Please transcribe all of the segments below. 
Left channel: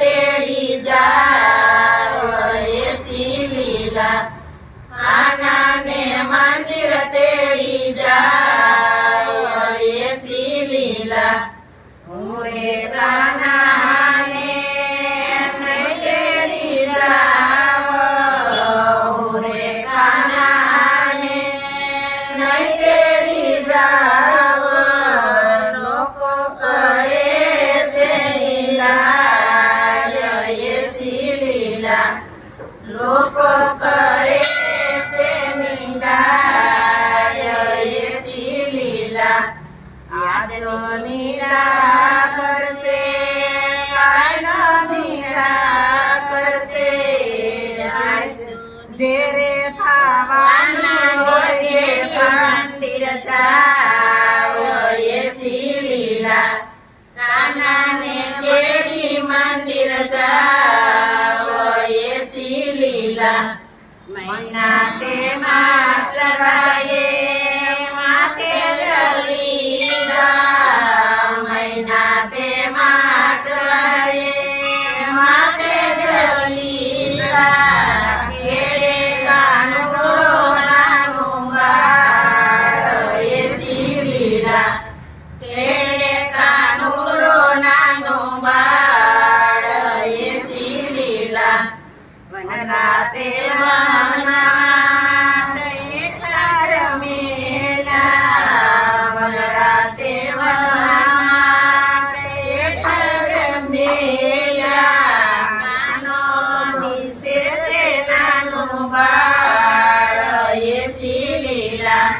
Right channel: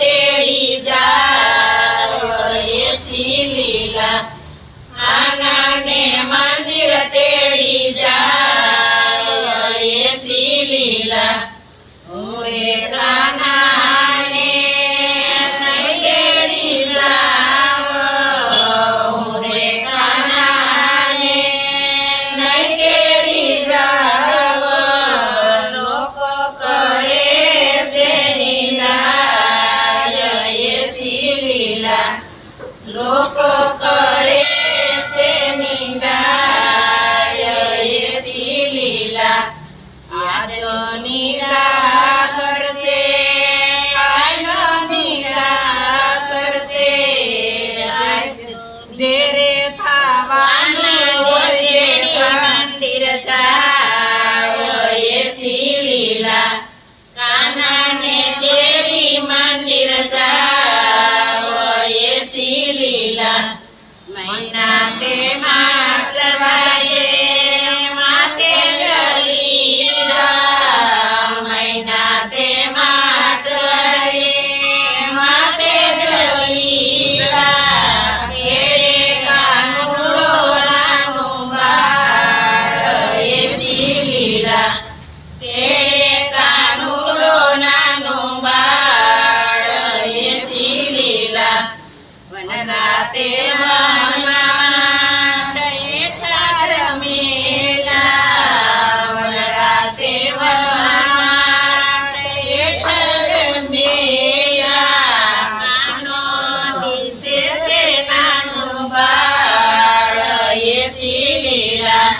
તેડી જાય એસી લીલા કાનાને મંદિર તેડી જાય એસી લીલા રે કાનાને નહીં તેડી જાવ રે કાનાને નહીં તેડી જાવ લોકો કરે છે નિંદા એસી લીલા લોકો કરે છે નિંદા એસી લીલા આજો નિંદા કરશે કાનો નિંદા કરશે જેરે થવાની હોય જે મંદિર જાવ એસી લીલા કાનાને તેડી મંદિર જાવ એસી લીલા મહિના તે માટવાએ માતે જલીલા મહિના તે માટવાએ માતે જલીલા કેડે કાનુડો નાનું બાળ એસી લીલા કેડે કાનુડો નાનું બાળ એસી લીલા વનરાતે વનમાં હેઠા રમેલા વનરાતે વનમાં હેઠા રમેલા કાનો દિશે છે નાનું બાળ એસી લીલા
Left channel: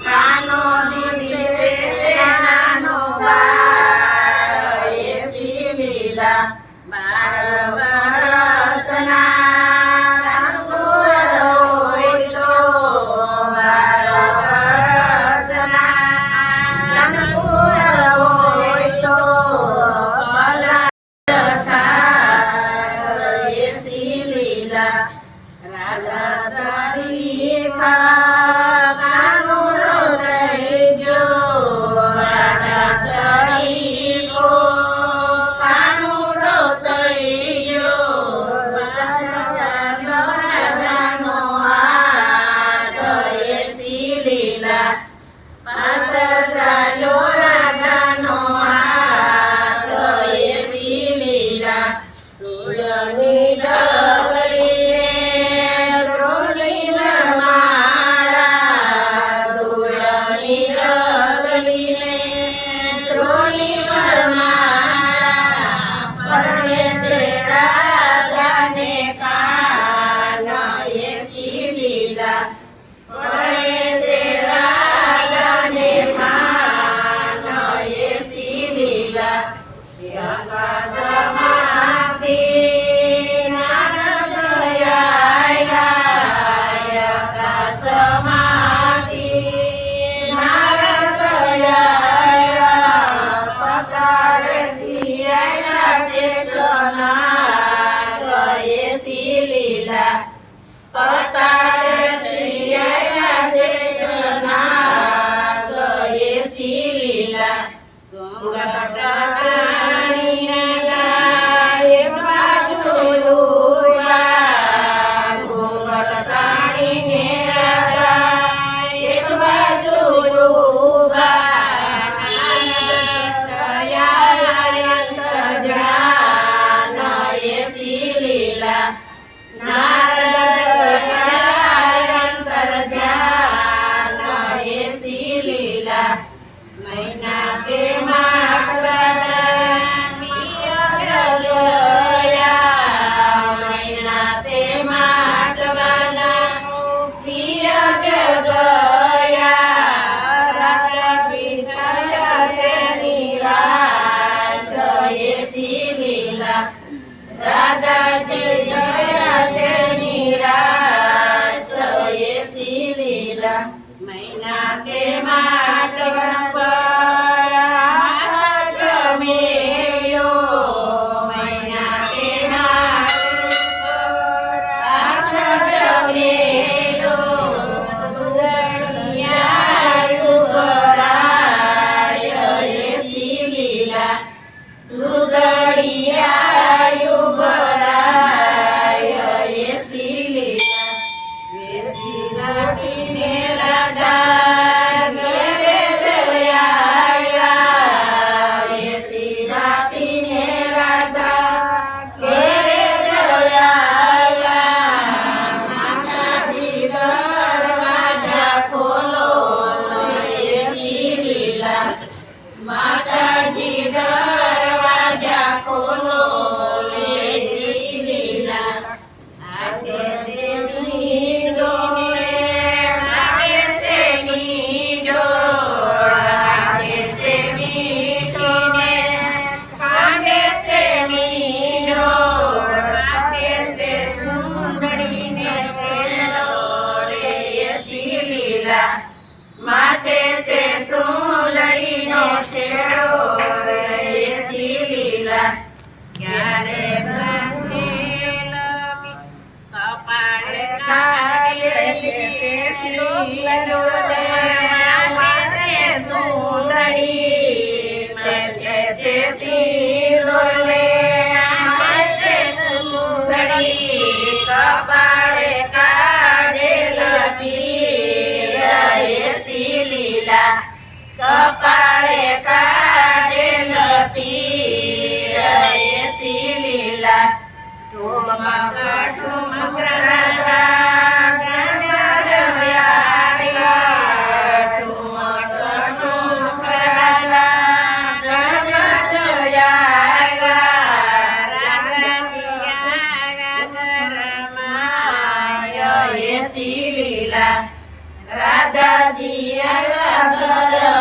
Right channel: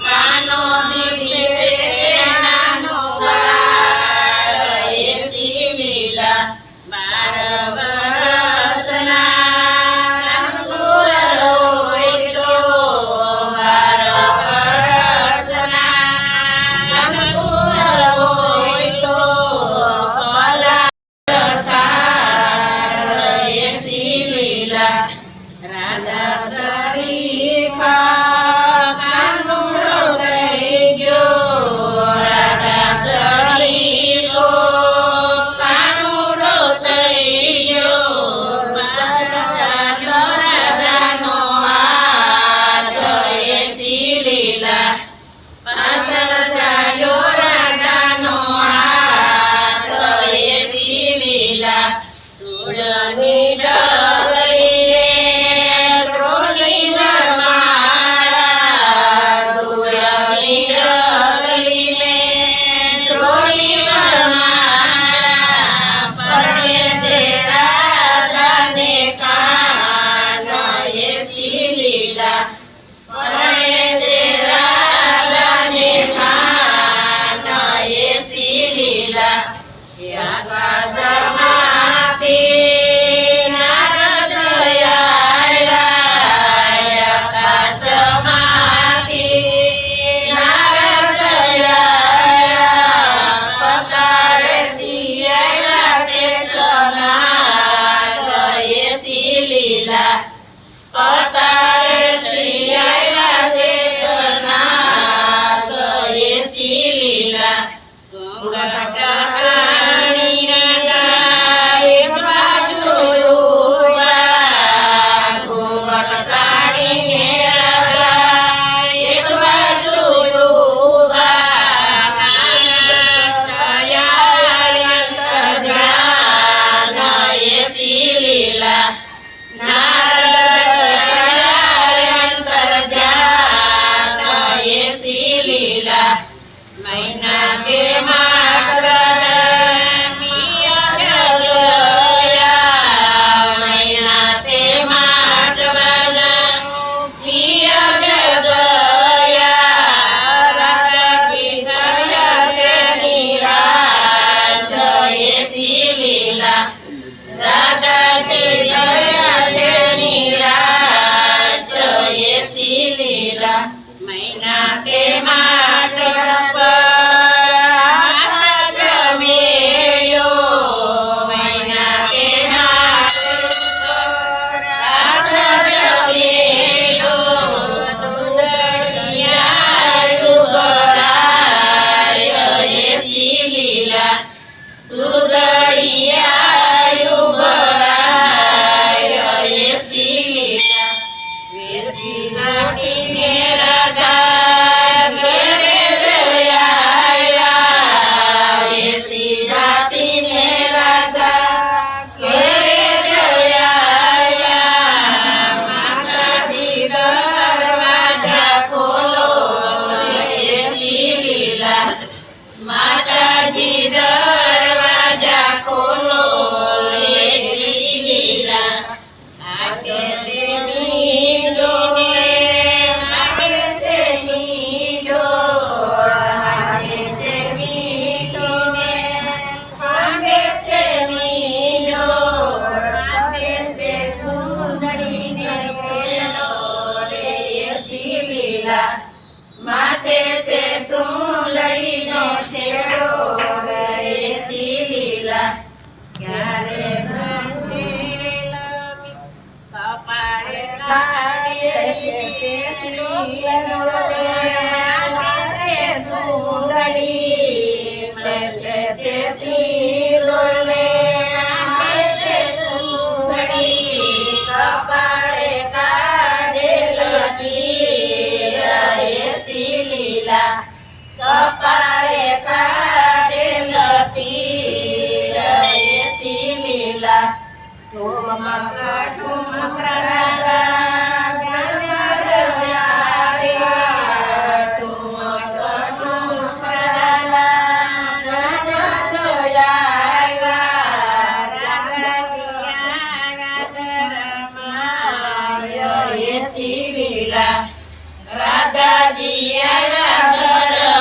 કાનો દિશે છે નાનું બાળ એસી લીલા 12 વર્ષના રાજા સરીખા કાનુડો થઈ ગયો રાજા સરીખો કાનુડો થઈ ગયો રાજાનો હાથ એસી લીલા પાછળ ચાલ્યો રાજાનો હાથ એસી લીલા તુળની ડગલીને ત્રોની વરમાળા તુળની ડગલીને ત્રોની વરમાળા પરણે છે રાજાને કાન એસી લીલા પરણે છે રાજાને કાન એસી લીલા આકાશમાંથી બેસે સિંદૂર લે માથે સુંદડી બેસે સિંદૂર લે માથે સુંદડી કપાળે કાઢેલ તીર એસી લીલા કપાળે કાઢેલ તીર એસી લીલા ઠુમક ઠુમક રાધા ગણધર્યા ઠુમક ઠુમક રાધા ગણધર્યા રાધાજી એસી લીલા રાધાજી આવ્યા ઘર